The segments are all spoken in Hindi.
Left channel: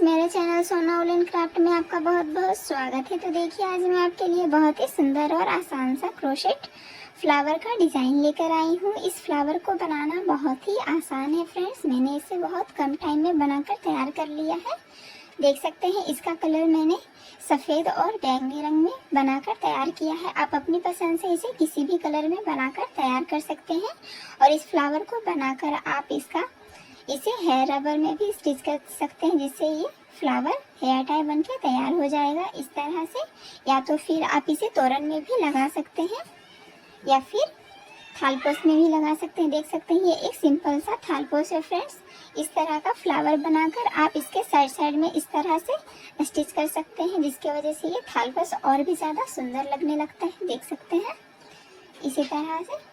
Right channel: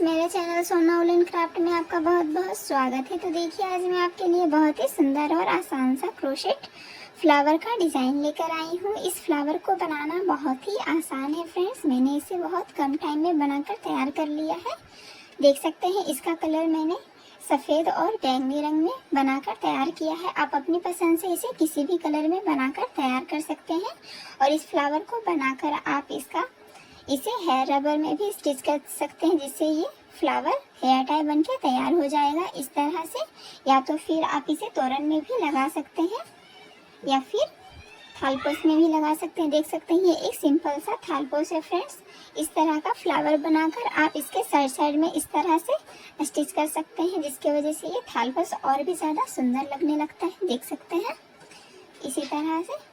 फ्रेंड्स, मेरे चैनल सोना वूलन एंड क्राफ्ट में आपका बहुत बहुत स्वागत है। तो देखिए, आज मैं आपके लिए बहुत ही सुंदर और आसान सा क्रोशेट फ्लावर का डिज़ाइन लेकर आई हूँ। इस फ्लावर को बनाना बहुत ही आसान है फ्रेंड्स। मैंने इसे बहुत कम टाइम में बनाकर तैयार कर लिया है। देख सकते हैं, इसका कलर मैंने सफ़ेद और बैंगनी रंग में बनाकर तैयार किया है। आप अपनी पसंद से इसे किसी भी कलर में बनाकर तैयार कर सकते हैं। और इस फ्लावर को बनाकर आप इसे हेयर रबर में भी स्टिच कर सकते हैं, जिससे ये फ्लावर हेयर टाई बन के तैयार हो जाएगा इस तरह से। या तो फिर आप इसे तोरण में भी लगा सकते हैं या फिर थालपोस में भी लगा सकते हैं। देख सकते हैं, ये एक सिंपल सा थालपोस है फ्रेंड्स। इस तरह का फ्लावर बनाकर आप इसके साइड में इस तरह से स्टिच कर सकते हैं, जिसकी वजह से ये थालपोस और भी ज़्यादा सुंदर लगने लगता है। देख सकते हैं इसी तरह से।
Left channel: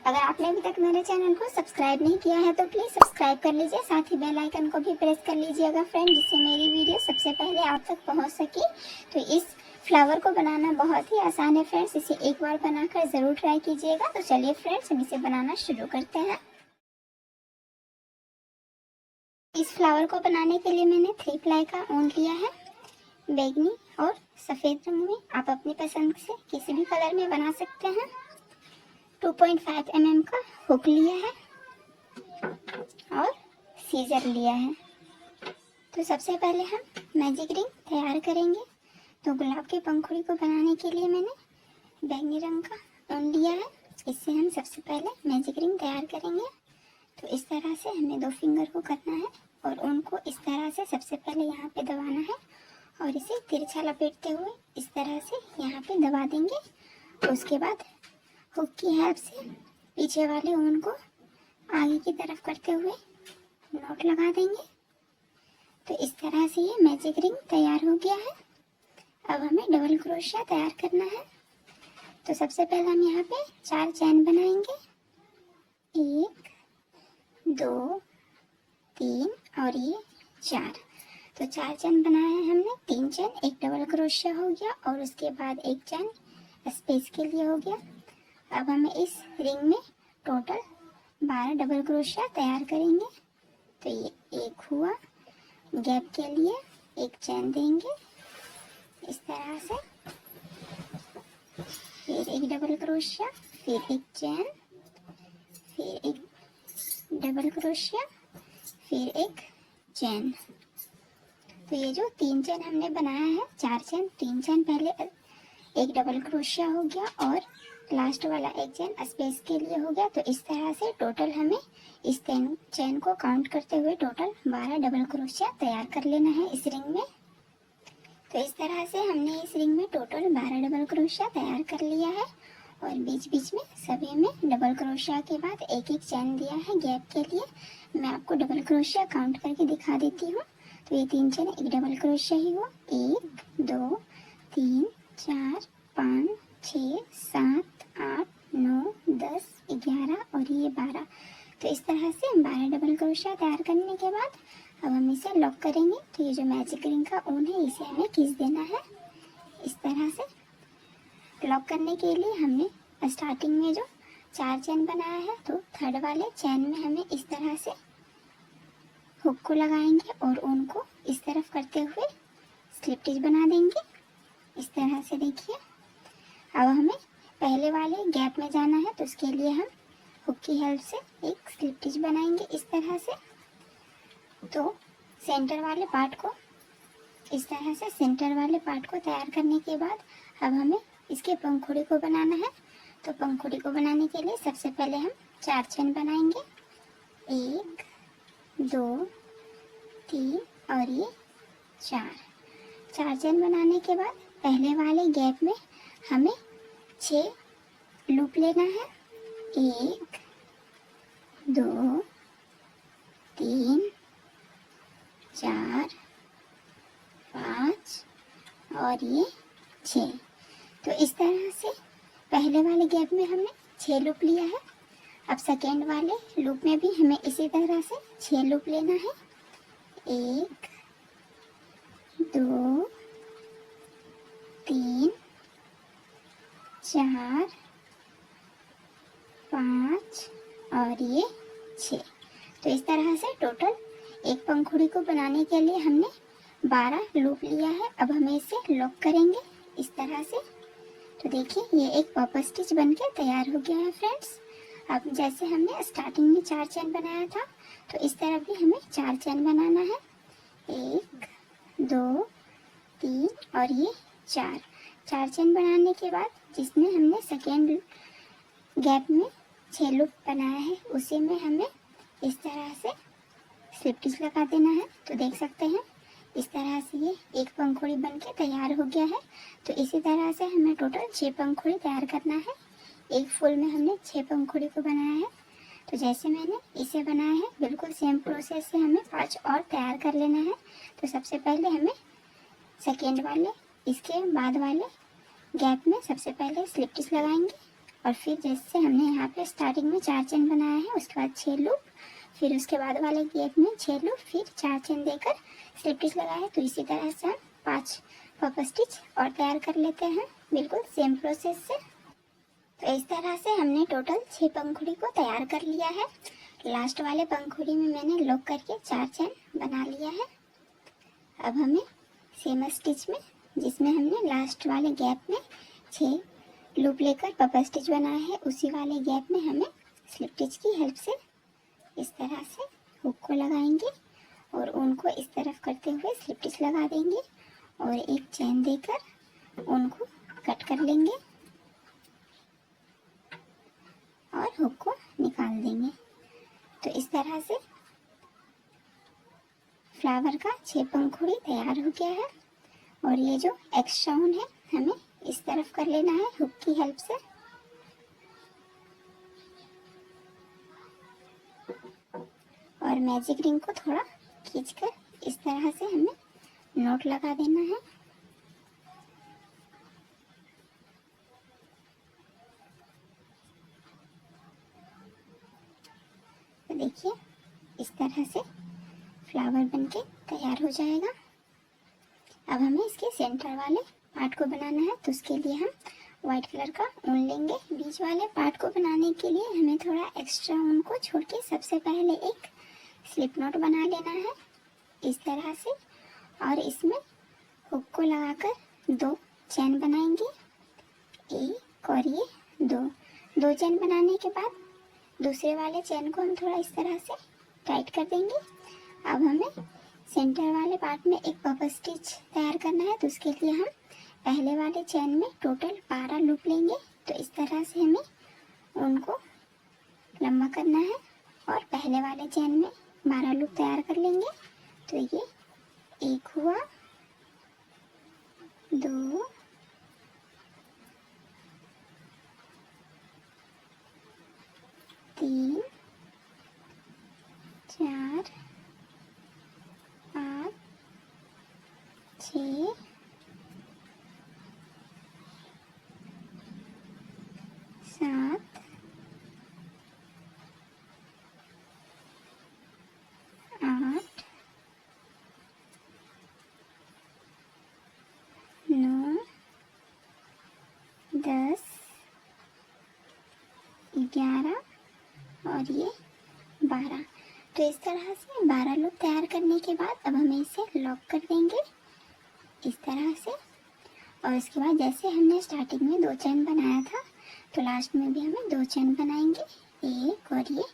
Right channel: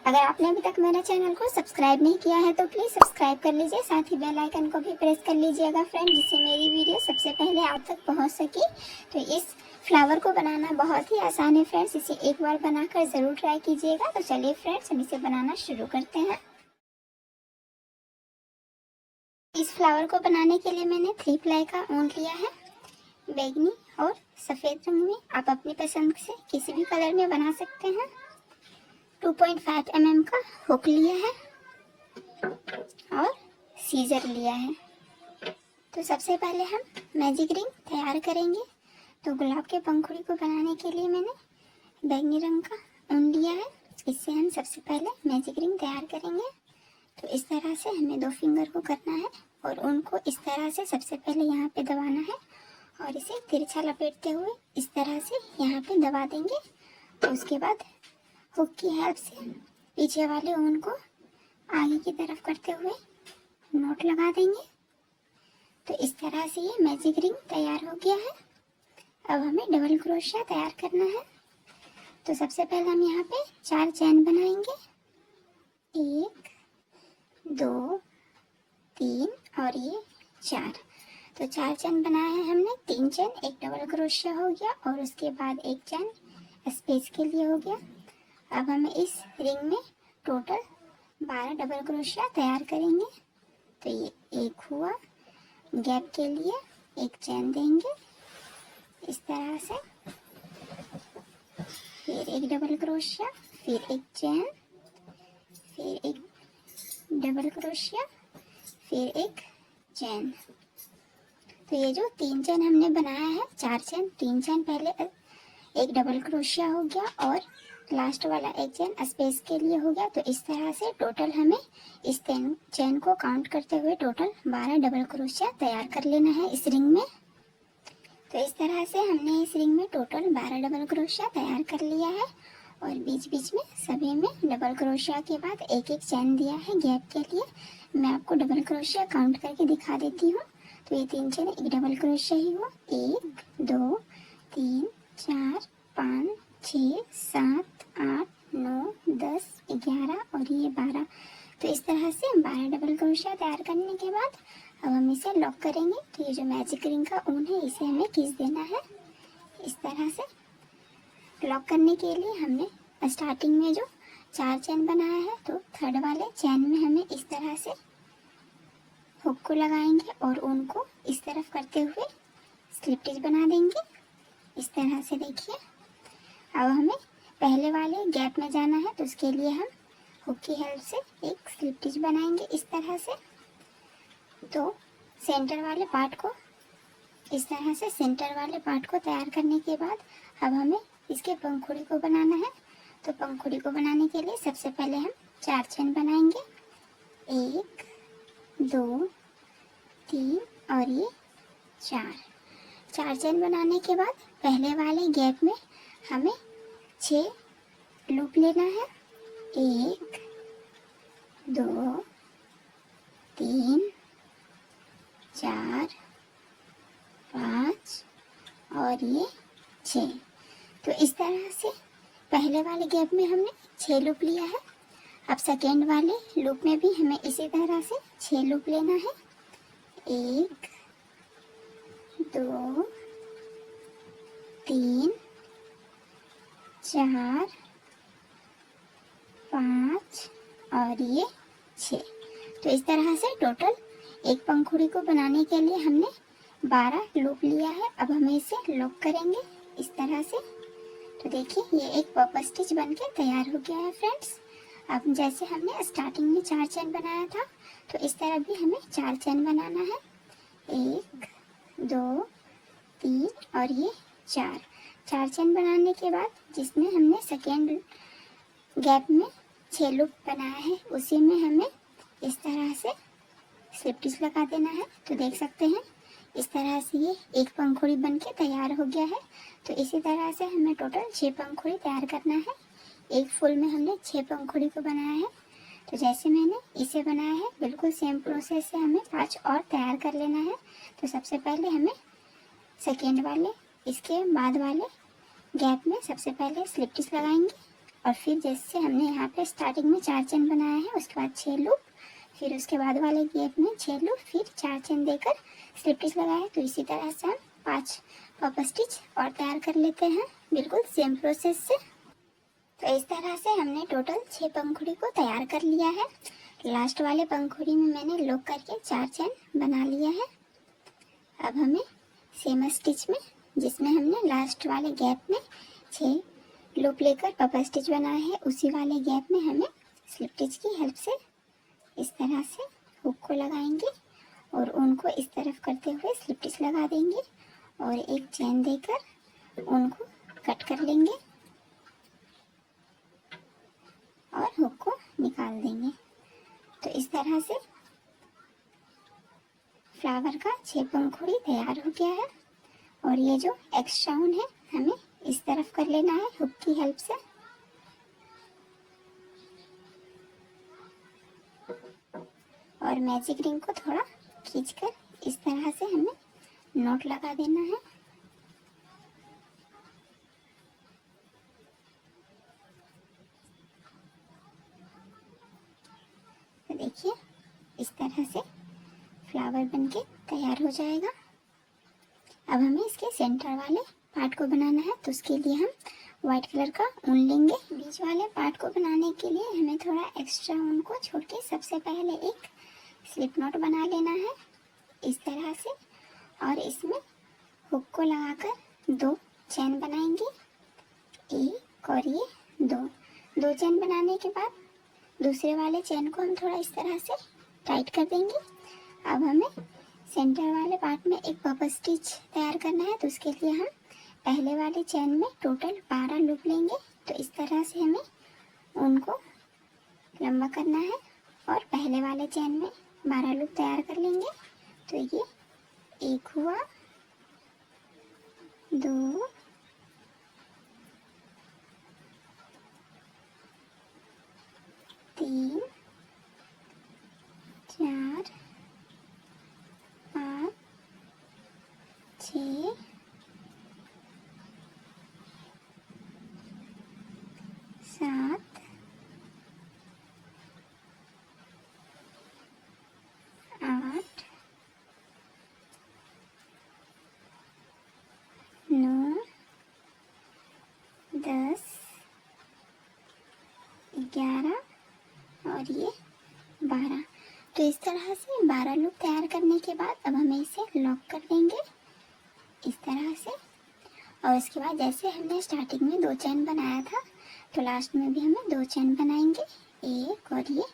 अगर आपने अभी तक मेरे चैनल को सब्सक्राइब नहीं किया है तो प्लीज़ सब्सक्राइब कर लीजिए, साथ ही बेल आइकन को भी प्रेस कर लीजिएगा फ्रेंड, जिससे मेरी वीडियो सबसे पहले आप तक पहुंच सके। तो इस फ्लावर को बनाना बहुत ही आसान है फ्रेंड्स, इसे एक बार बनाकर ज़रूर ट्राई कीजिएगा। तो चलिए फ्रेंड्स, हम इसे बनाना शुरू करते हैं। इस फ्लावर को बनाने के लिए मैंने 3 प्लाई का ऊन लिया है, बैंगनी और सफ़ेद रंग में। आप अपनी पसंद से किसी भी कलर में बना सकते हैं। 2.5 mm का हुक लिया है और सीजर लिया है। तो सबसे पहले हम मैजिक रिंग तैयार करेंगे। तो गुलाब के पंखुड़ी को बनाने के लिए मैंने बैंगनी रंग का ऊन लिया है। इससे हम सबसे पहले मैजिक रिंग तैयार करेंगे। तो इस तरह से हमें 2 फिंगर को करना है और ऊन को इस तरह से सबसे पहले यहाँ पे दबाना है और इसे तिरछा लपेटते हुए इस तरह से यहाँ पे दबा देंगे। तो उसके बाद हुक की हेल्प से पीछे वाले ऊन को आगे की तरफ करते हुए नोट लगा देंगे। तो इस तरह से ये मैजिक रिंग तैयार हो गया है। अब हमें डबल क्रोशिया तैयार करना है। तो सबसे पहले हम यहाँ पे 4 चैन बनाएंगे। 1 2 3 और ये 4। तो 4 चैन बनाए हैं हमने। 3 चैन, एक डबल क्रोशिया हो गया और उसके बाद एक चैन स्पेस के लिए हो गया। अब हमें इस रिंग में टोटल 12 डबल क्रोशिया तैयार करेंगे। तो ये एक हुआ, गैप के लिए एक चैन देंगे इस तरह से, फिर एक डबल क्रोशिया, फिर एक चैन, फिर एक डबल क्रोशिया, फिर एक चैन। तो ये जो 3 चैन हमने बनाया है, 4 चैन, 3 चैन पहले, एक डबल क्रोशिया हो गया और लास्ट वाला एक चैन स्पेस के लिए हो गया। तो इस तरह से टोटल हमें इस चैन को काउंट करते हुए टोटल 12 डबल क्रोशिया तैयार कर लेना है इस रिंग में। तो इस तरह से हमने इस रिंग में टोटल 12 डबल क्रोशिया तैयार कर लिया है और बीच बीच में सभी में डबल क्रोशिया के बाद एक एक चैन दिया है गैप के लिए। मैं आपको डबल क्रोशिया काउंट करके दिखा देती हूँ। तो ये 3 चैन एक डबल क्रोशिया ही हुआ। 1 2 3 4 5 6 7 8 9 10 11 और ये 12। तो इस तरह से 12 डबल क्रोशिया तैयार करने के बाद अब हम इसे लॉक करेंगे। तो ये जो मैजिक रिंग का ऊन है, इसे हमें खींच देना है इस तरह से। लॉक करने के लिए हमने स्टार्टिंग में जो 4 चैन बनाया है, तो थर्ड वाले चैन में हमें इस तरह से हुक को लगाएंगे और ऊन को इस तरफ करते हुए स्लिप स्टिच बना देंगे इस तरह से। देखिए, अब हमें पहले वाले गैप में जाना है, तो उसके लिए हम हुक की हेल्प से एक स्लिप स्टिच बनाएंगे इस तरह से। तो सेंटर वाले पार्ट को इस तरह से, सेंटर वाले पार्ट को तैयार करने के बाद अब हमें इसके पंखुड़ी को बनाना है। तो पंखुड़ी को बनाने के लिए सबसे पहले हम 4 चैन बनाएंगे। 1 2 3 और ये 4 चैन बनाने के बाद पहले वाले गैप में हमें 6 लूप लेना है। 1 2 3 4 5 और ये 6। तो इस तरह से पहले वाले गैप में हमने 6 लूप लिया है। अब सेकेंड वाले लूप में भी हमें इसी तरह से 6 लूप लेना है। 1 2 3 4 5 और ये 6। तो इस तरह से टोटल एक पंखुड़ी को बनाने के लिए हमने 12 लूप लिया है। अब हमें इसे लॉक करेंगे इस तरह से। तो देखिए ये एक पॉप स्टिच बनके तैयार हो गया है फ्रेंड्स। अब जैसे हमने स्टार्टिंग में 4 चेन बनाया था, तो इस तरह भी हमें 4 चेन बनाना है। 1 2 3 और ये 4 चेन बनाने के बाद जिसमें हमने सेकेंड गैप में 6 लूप बनाया है, उसी में हमें इस तरह से स्लिप स्टिच लगा देना है। तो देख सकते हैं इस तरह से ये एक पंखुड़ी बनके तैयार हो गया है। तो इसी तरह से हमें टोटल 6 पंखुड़ी तैयार करना है। एक फुल में हमने 6 पंखुड़ी को बनाया है। तो जैसे मैंने इसे बनाया है बिल्कुल सेम प्रोसेस से हमें 5 और तैयार कर लेना है। तो सबसे पहले हमें सेकेंड वाले इसके बाद वाले गैप में सबसे पहले स्लिप स्टिच लगाएंगे, और फिर जैसे हमने यहाँ पे स्टार्टिंग में 4 चेन बनाया है, उसके बाद 6 लूप, फिर उसके बाद वाले गैप में 6 लूप, फिर 4 चेन देकर स्लिप स्टिच लगाया। तो इसी तरह से हम 5 पॉप स्टिच और तैयार कर लेते हैं बिल्कुल सेम प्रोसेस से। तो इस तरह से हमने टोटल 6 पंखुड़ी को तैयार कर लिया है। लास्ट वाले पंखुड़ी में मैंने लॉक करके 4 चेन बना लिया है। अब हमें सेम स्टिच में जिसमें हमने लास्ट वाले गैप में 6 लूप लेकर पॉप स्टिच बनाया है, उसी वाले गैप में हमें स्लिप स्टिच की हेल्प से इस तरह से हुक को लगाएंगे और उनको इस तरफ करते हुए स्लिप स्टिच लगा देंगे और एक चेन देकर उनको कट कर लेंगे और हुक को निकाल देंगे। तो इस तरह से फ्लावर का 6 पंखुड़ी तैयार हो गया है। और ये जो एक्स्ट्रा ऊन है हमें इस तरफ कर लेना है हुक की हेल्प से। और मैजिक रिंग को थोड़ा खींचकर इस तरह से हमें नॉट लगा देना है। तो देखिए इस तरह से फ्लावर बनके तैयार हो जाएगा। अब हमें इसके सेंटर वाले पार्ट को बनाना है, तो उसके लिए हम व्हाइट कलर का ऊन लेंगे। बीच वाले पार्ट को बनाने के लिए हमें थोड़ा एक्स्ट्रा ऊन को छोड़ के सबसे पहले एक स्लिप नॉट बना लेना है इस तरह से, और इसमें हुक को लगाकर 2 चेन बनाएंगे, एक और ये 2 चेन बनाने के बाद दूसरे वाले चेन को हम थोड़ा इस तरह से टाइट कर देंगे। अब हमें सेंटर वाले पार्ट में एक पॉप स्टिच तैयार करना है, तो उसके लिए हम पहले वाले चेन में टोटल 12 लूप लेंगे। तो इस तरह से हमें उनको लंबा करना है और पहले वाले चेन में 12 लूप तैयार कर लेंगे। तो ये एक हुआ, 2, 3, 4, 5, 6, 7, 8, 9, 10, 11 और ये 12। तो इस तरह से 12 लूप तैयार करने के बाद अब हमें इसे लॉक कर देंगे इस तरह से। और इसके बाद जैसे हमने स्टार्टिंग में 2 चेन बनाया था, तो लास्ट में भी हमें 2 चेन बनाएंगे, एक और ये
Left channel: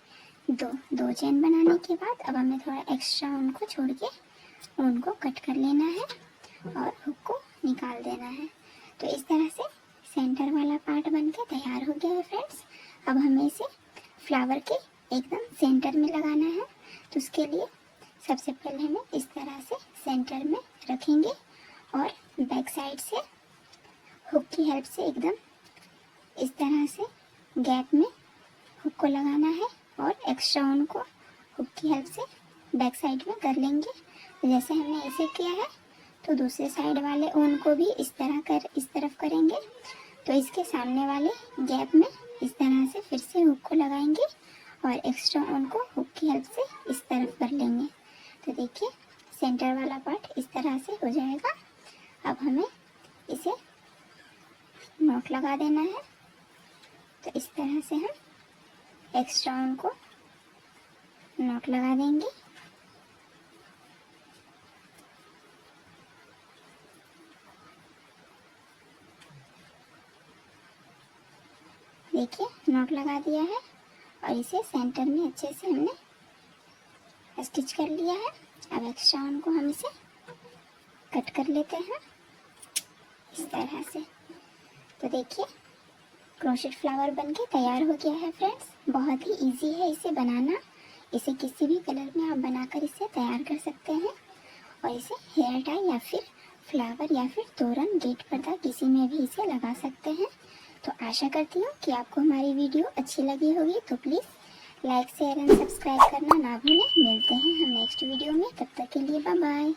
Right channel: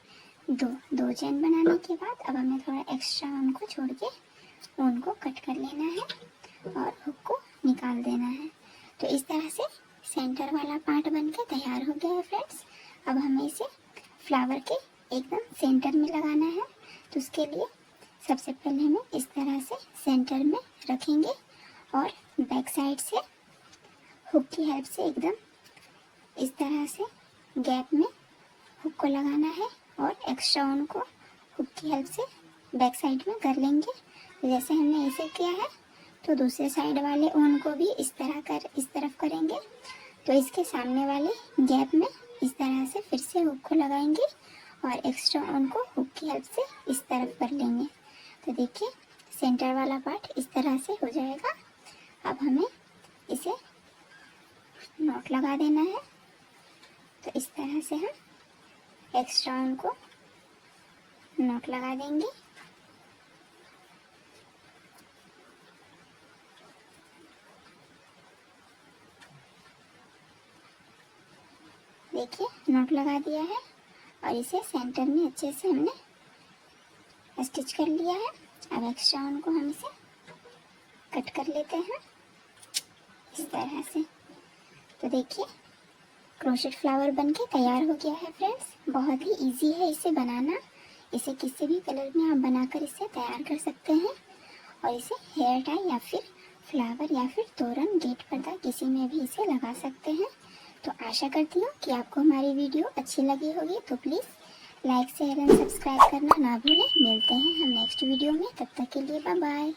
2 चेन बनाने के बाद अब हमें थोड़ा एक्स्ट्रा ऊन को छोड़ के ऊन को कट कर लेना है और हुक को निकाल देना है। तो इस तरह से सेंटर वाला पार्ट बनके तैयार हो गया है फ्रेंड्स। अब हमें इसे फ्लावर के एकदम सेंटर में लगाना है। तो उसके लिए सबसे पहले हमें इस तरह से सेंटर में रखेंगे और बैक साइड से हुक की हेल्प से एकदम इस तरह से गैप में हुक को लगाना है और एक्स्ट्रा ऊन को हुक की हेल्प से बैक साइड में कर लेंगे। तो जैसे हमने ऐसे किया है, तो दूसरे साइड वाले ऊन को भी इस तरफ करेंगे। तो इसके सामने वाले गैप में इस तरह से फिर से हुक को लगाएंगे और एक्स्ट्रा ऊन को हुक की हेल्प से इस तरफ कर लेंगे। तो देखिए सेंटर वाला पार्ट इस तरह से हो जाएगा। अब हमें इसे नॉट लगा देना है। तो इस तरह से हम एक्स्ट्रा ऊन को नॉट लगा देंगे देखिए नॉट लगा दिया है और इसे सेंटर में अच्छे से हमने स्टिच कर लिया है। अब एक्स्ट्रा वन को हम इसे कट कर लेते हैं इस तरह से। तो देखिए क्रोशेट फ्लावर बनके तैयार हो गया है फ्रेंड्स। बहुत ही इजी है इसे बनाना। इसे किसी भी कलर में आप बनाकर इसे तैयार कर सकते हैं और इसे हेयर टाई या फिर फ्लावर या फिर तोरण, गेट पर्दा किसी में भी इसे लगा सकते हैं। तो आशा करती हूँ कि आपको हमारी वीडियो अच्छी लगी होगी। तो please like share and subscribe करना ना भूलें। मिलते हैं हम नेक्स्ट वीडियो में, तब तक के लिए बाय बाय।